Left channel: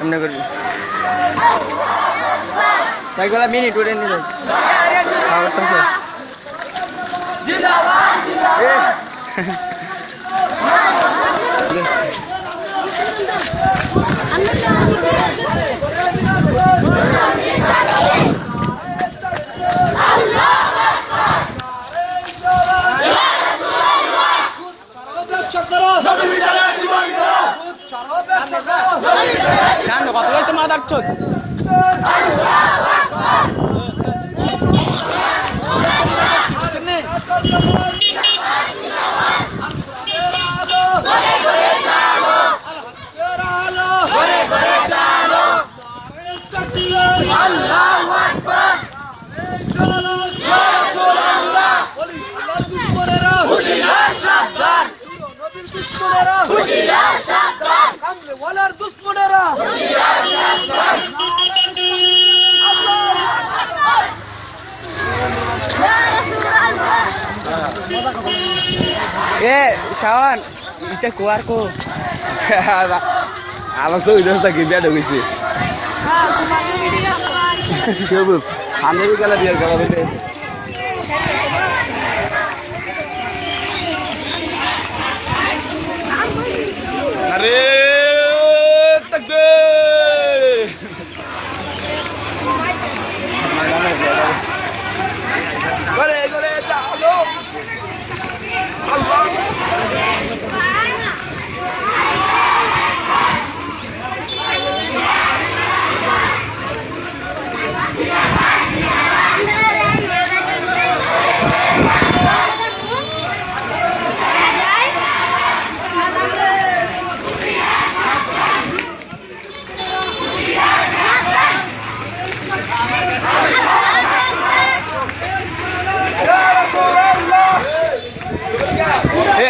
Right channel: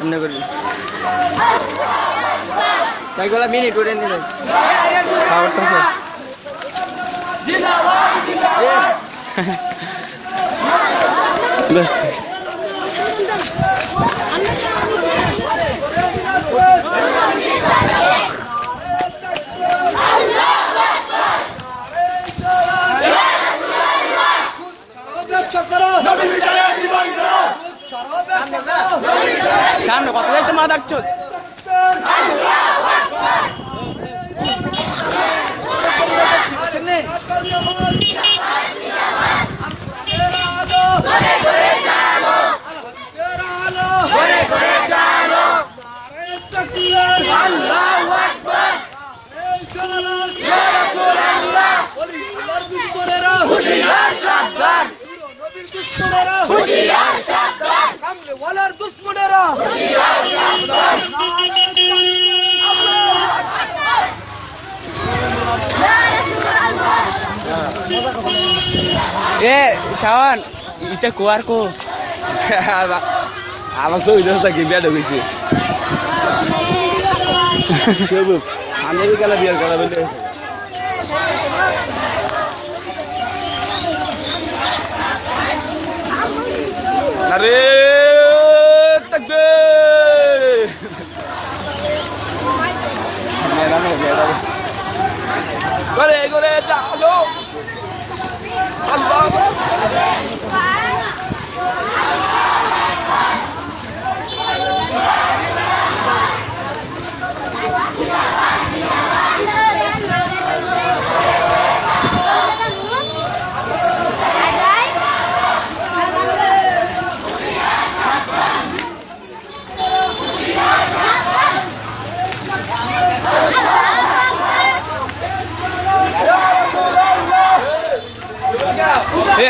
এমনি করবি এগুলা মিনিট উঠে নিল খাবারটা সামনে কত গাইতে মা ডাকছ ওয়ালার দুশ্মনেরা এ শাওন এটা কোয়ার কো আমার তো ইদোসা কি বিয়া ঢুকেছি সব আমি গেলা বিয়ার গেলা বলে আরে তাকবীর করে করে চলো আল্লাহ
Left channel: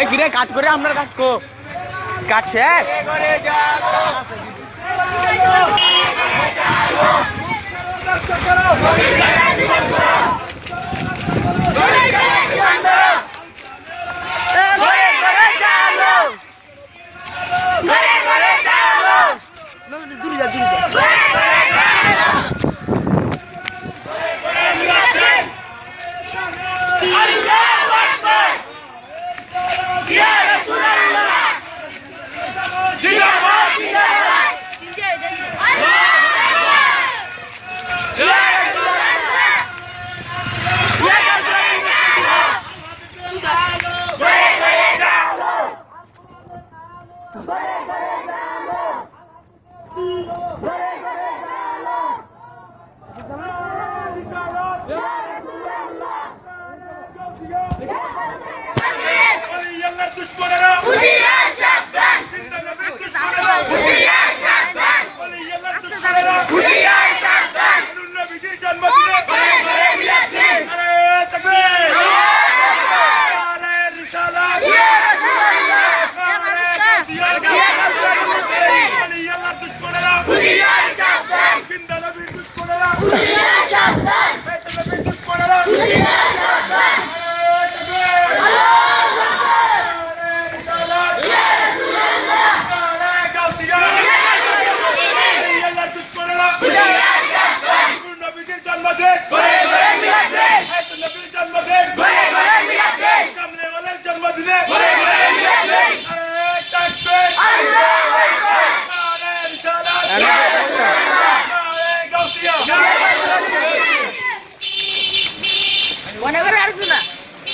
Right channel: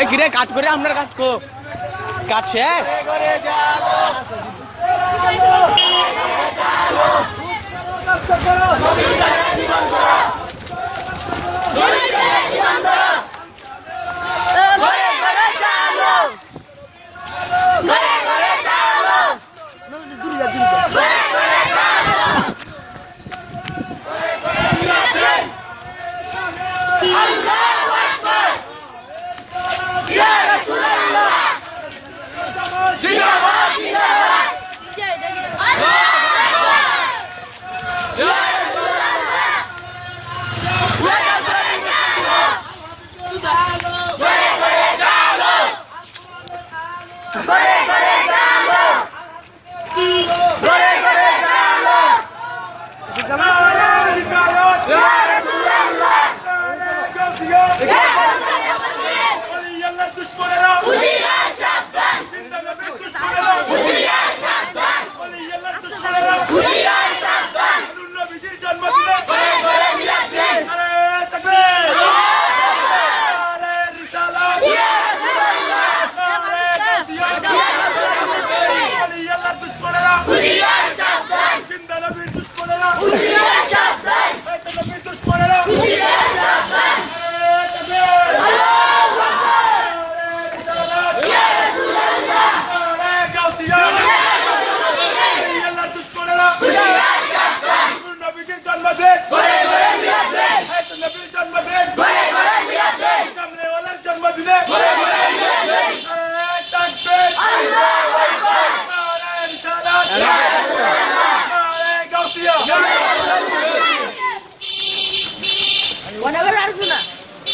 কিরে কাজ করে আপনার কাজ কো কাজ শেখ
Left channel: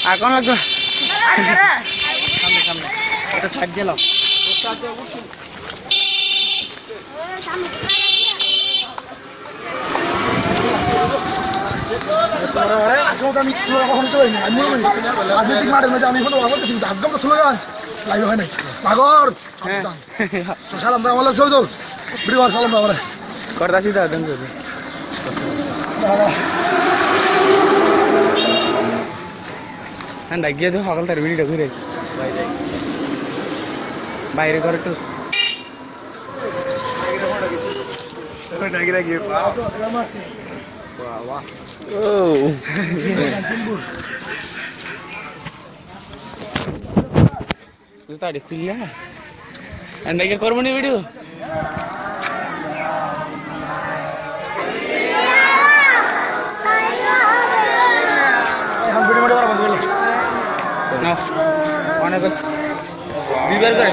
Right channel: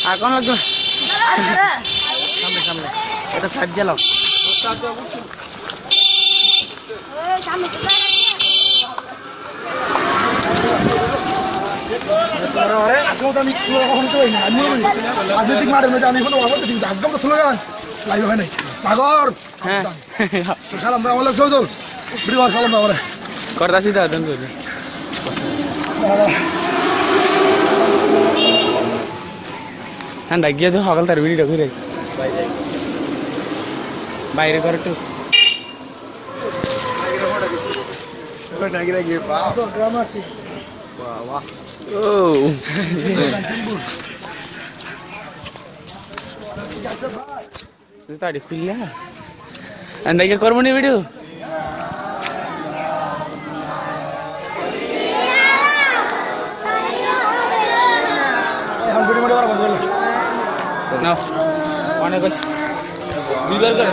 এখন লাগবে ছাড় গেল রাজনৈতিক মাঠের মধ্যে আমি কোনো বলতেছি আজকে তো স্লোগান লাইভ হয় নাই পাগর সালাম আমরা চৌধুর বিরিবার সালাম আমরা করতাছি তো দেন যদি ঠান্ডা গিয়ে তো সকাল তার ভিডিওটা ঘুরে বাইরে করে একটু তাড়ি খুললা করবো নি ভিডিও অনেক দুইবার করে